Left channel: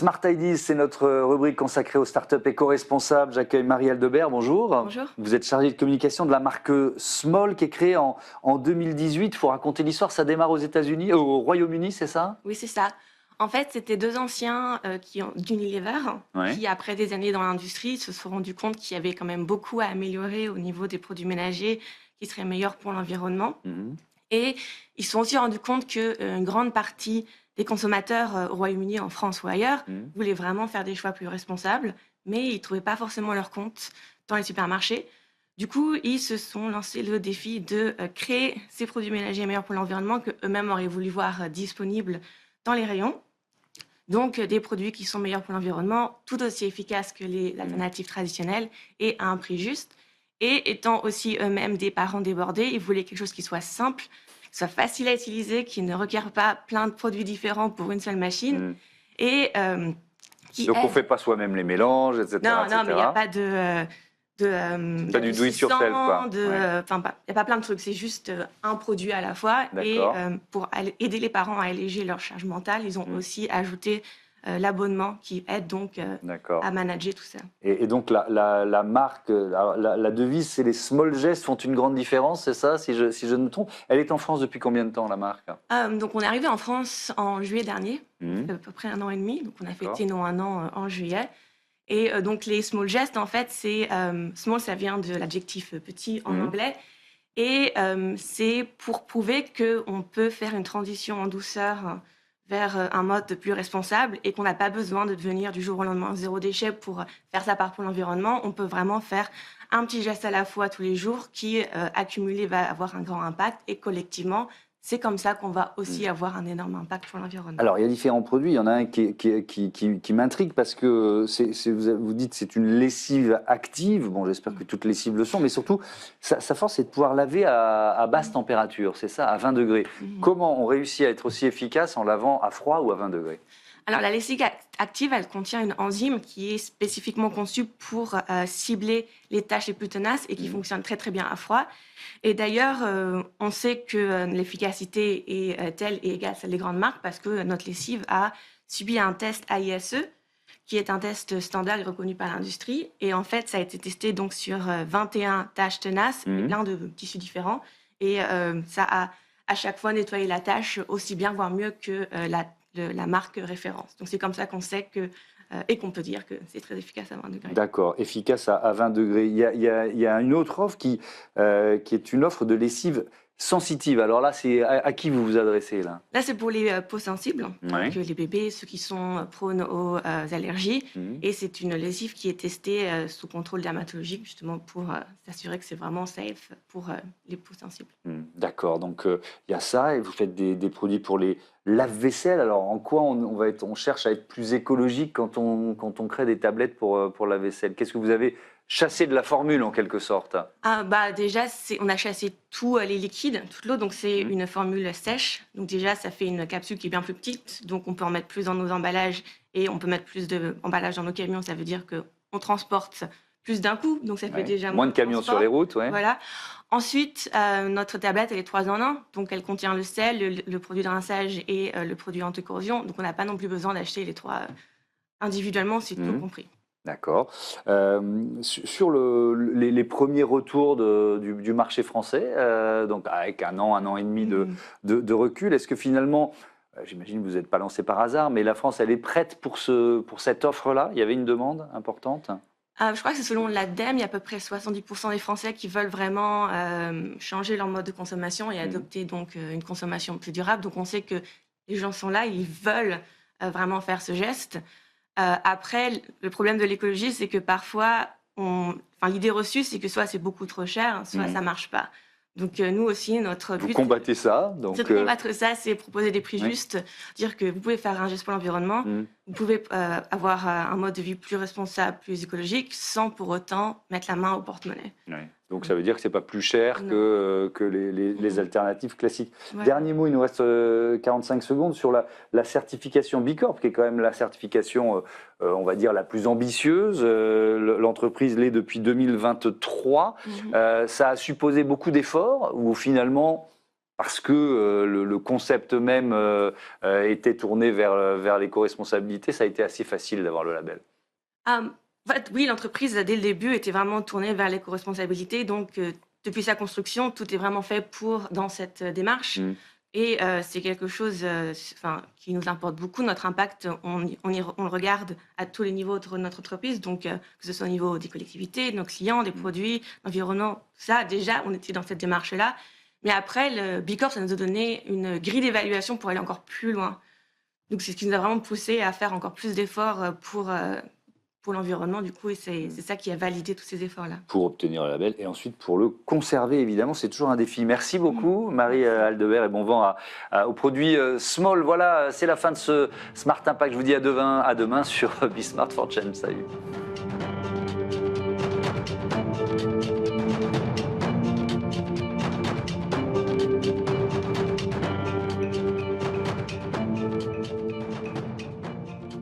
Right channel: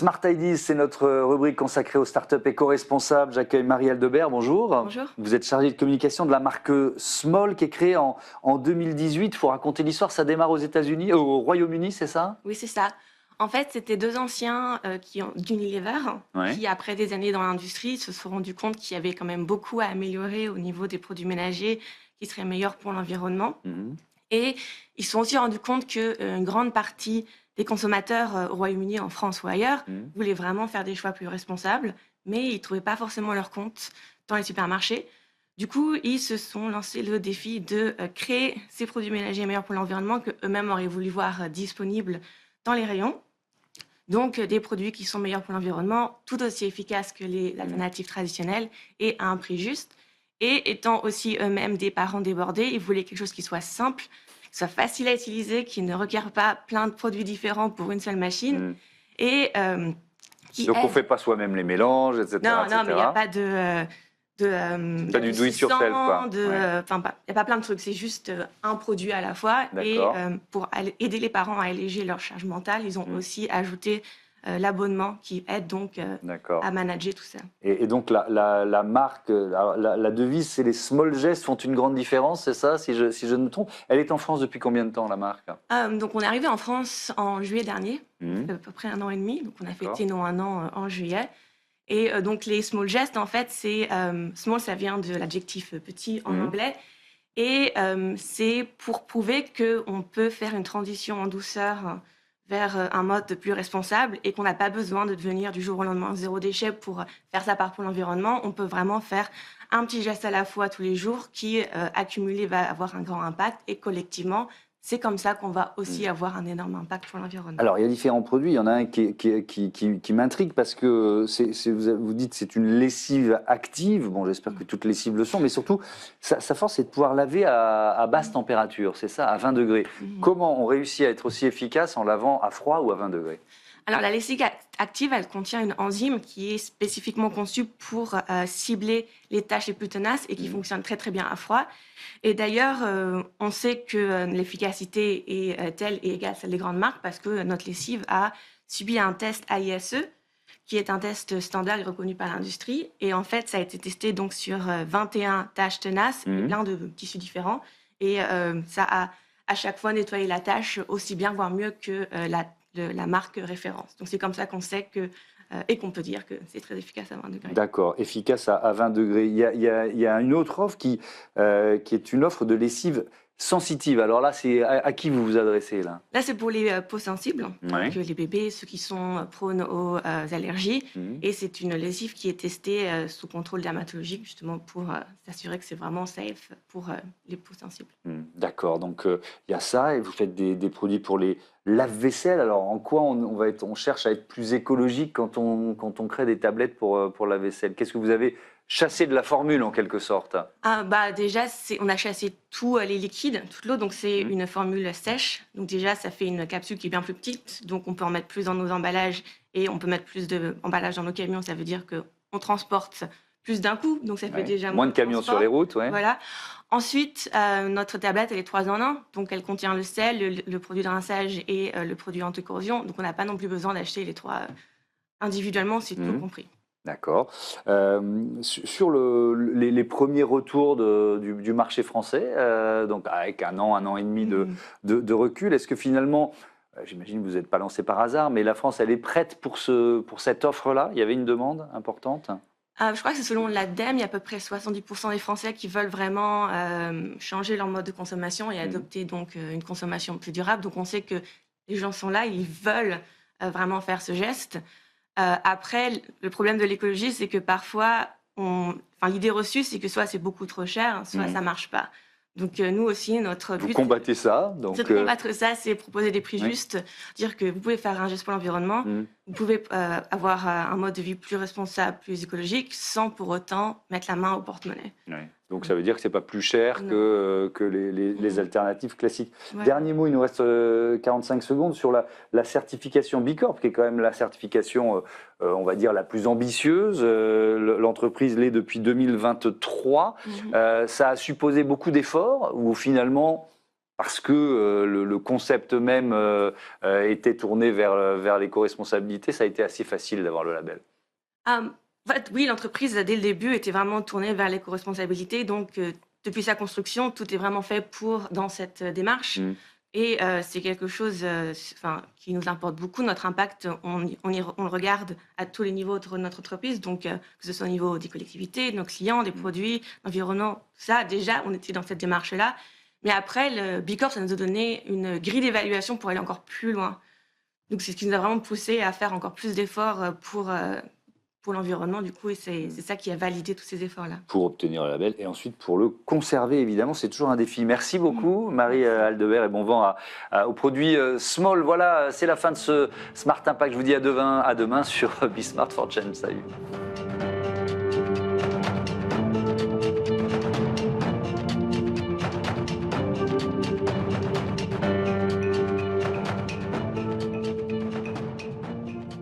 Smart Ideas, c'est notre rubrique consacrée aux startups éco-responsables. J'accueille Marie Aldebert, bonjour. Bonjour. Vous êtes chargée de communication de la marque Small qui est créée en 2018. Il faut raconter l'histoire, ça démarre aux États-Unis, au Royaume-Uni, c'est ça? Oui, c'est ça. En fait, c'était deux anciens d'Unilever Ouais. qui, après des années dans l'industrie, se sont rendus compte qu'il y avait quand même beaucoup à améliorer au niveau des produits ménagers qui seraient meilleurs pour l'environnement. Mhm. Et ils se sont aussi rendus compte qu'une grande partie des consommateurs au Royaume-Uni, en France ou ailleurs, Mhm. voulaient vraiment faire des choix plus responsables, mais ils ne trouvaient pas forcément leur compte dans les supermarchés. Du coup, ils se sont lancés le défi de créer ces produits ménagers meilleurs pour l'environnement qu'eux-mêmes auraient voulu voir disponibles dans les rayons. Donc, des produits qui sont meilleurs pour l'environnement, tout aussi efficaces que les alternatives traditionnelles et à un prix juste. Et étant aussi eux-mêmes des parents débordés, ils voulaient quelque chose qui soit simple, qui soit facile à utiliser, qui ne requiert pas plein de produits différents pour une seule machine Mhm. et qui Donc on ne aide. fait pas soi-même les mélanges, etc. Non, mais il n'y a etc. pas Pas du do it yourself, d'adoucissant, quoi. Ouais. il n'y a pas plein de trucs, c'est juste un produit à la fois. Et D'accord. pour aider les parents à alléger leur charge mentale, ils ont Mhm. aussi ajouté l'abonnement qui aide donc D'accord. à manager tout ça. Et donc la marque, la devise, c'est les small gestes font une grande différence, c'est ça, si je ne me trompe. Elle est en France depuis combien de temps, la marque? Donc on est arrivé en France en juillet dernier, ça fait Mhm. à peu près un an et demi, donc on a D'accord. fêté nos un an en juillet. Et donc les small gestes, en fait, small, ça vient de l'adjectif petit en Mhm. anglais. Et c'est pour prouver qu'on peut faire une transition en douceur vers un mode plus responsable et qu'on n'a pas besoin de devenir du jour au lendemain zéro déchet pour faire sa part pour l'environnement. On peut vraiment faire un petit geste à la fois tous les jours qui, accumulé, va avoir un grand impact et collectivement, c'est comme ça qu'on va aussi avoir un énorme impact sur l'environnement. Alors, il y a différents produits. Il y en a un qui m'intrigue parce que vous dites c'est une lessive active. Bon, j'espère que toutes les lessives le sont, mais surtout, sa force, c'est de pouvoir laver à basse température, c'est ça, à 20 degrés. Mhm. Comment on réussit à être aussi efficace en lavant à froid ou à 20 degrés? Alors, la lessive active, elle contient une enzyme qui est spécifiquement conçue pour cibler les tâches les plus tenaces et qui Mhm. fonctionne très très bien à froid. Et d'ailleurs, on sait que l'efficacité est telle et égale à celle des grandes marques parce que notre lessive a subi un test AISE, qui est un test standard et reconnu par l'industrie. Et en fait, ça a été testé donc sur 21 tâches tenaces et Mhm. plein de tissus différents. Et ça a à chaque fois nettoyé la tâche aussi bien, voire mieux que la marque référence. Donc c'est comme ça qu'on sait que, et qu'on peut dire que c'est très efficace à 20 degrés. D'accord, efficace à 20 degrés. Il y a une autre offre qui est une offre de lessive sensitive. Alors là, c'est à qui vous vous adressez là? Là, c'est pour les peaux sensibles, donc Ouais. les bébés, ceux qui sont prônes aux allergies. Mhm. Et c'est une lessive qui est testée sous contrôle dermatologique, justement pour s'assurer que c'est vraiment safe pour les peaux sensibles. D'accord, donc il y a ça et vous faites des produits pour les lave-vaisselle. Alors en quoi on cherche à être plus écologique quand on crée des tablettes pour la vaisselle? Qu'est-ce que vous avez chassé de la formule en quelque sorte? Ah, bah déjà, on a chassé tous les liquides, toute l'eau, donc c'est Mmh. une formule sèche. Donc déjà, ça fait une capsule qui est bien plus petite, donc on peut en mettre plus dans nos emballages et on peut mettre plus d'emballages dans nos camions. Ça veut dire qu'on transporte plus d'un coup, donc ça fait Ouais. déjà Moins moins de de camions sur les transport. routes, ouais. Voilà. Ensuite, notre tablette, elle est 3 en 1, donc elle contient le sel, le produit de rinçage et le produit anti-corrosion. Donc on n'a pas non plus besoin d'acheter les trois individuellement, c'est tout Mmh. compris. D'accord. Sur les premiers retours du marché français, donc avec un an et demi de Mhm. de recul, est-ce que finalement, j'imagine que vous n'êtes pas lancé par hasard, mais la France, elle est prête pour cette offre-là? Il y avait une demande importante? Je crois que c'est selon l'ADEME, il y a à peu près 70% des Français qui veulent vraiment changer leur mode de consommation et Mmh. adopter donc une consommation plus durable. Donc on sait que les gens sont là, ils veulent vraiment faire ce geste. Après, le problème de l'écologie, c'est que parfois, l'idée reçue, c'est que soit c'est beaucoup trop cher, soit Mmh. ça marche pas. Donc nous aussi, notre Vous but, combattez ça, c'est donc de combattre ça, c'est proposer des prix oui. justes, dire que vous pouvez faire un geste pour l'environnement, Mmh. vous pouvez avoir un mode de vie plus responsable, plus écologique, sans pour autant mettre la main au porte-monnaie. Ouais. Donc ça veut dire que c'est pas plus cher Non. que les Mhm. alternatives classiques. Ouais. Dernier mot, il nous reste 45 secondes sur la certification B Corp, qui est quand même la certification, on va dire, la plus ambitieuse. L'entreprise l'est depuis 2023. Mhm. Ça a supposé beaucoup d'efforts ou finalement parce que le concept même était tourné vers l'éco-responsabilité, ça a été assez facile d'avoir le label. En fait, oui, l'entreprise, dès le début, était vraiment tournée vers l'éco-responsabilité. Donc, depuis sa construction, tout est vraiment fait pour dans cette démarche. Mmh. Et c'est quelque chose, enfin, qui nous importe beaucoup. Notre impact, on le regarde à tous les niveaux de notre entreprise. Donc, que ce soit au niveau des collectivités, de nos clients, des produits, l'environnement, ça, déjà, on était dans cette démarche-là. Mais après, le B Corp, ça nous a donné une grille d'évaluation pour aller encore plus loin. Donc, c'est ce qui nous a vraiment poussé à faire encore plus d'efforts pour l'environnement, du coup, et c'est ça qui a validé tous ces efforts-là. Pour obtenir le label et ensuite pour le conserver évidemment, c'est toujours un défi. Merci Mmh. beaucoup Marie Merci. Aldebert et bon vent aux produits Small. Voilà, c'est la fin de ce Smart Impact. Je vous dis à demain sur Be Smart for Change. Salut.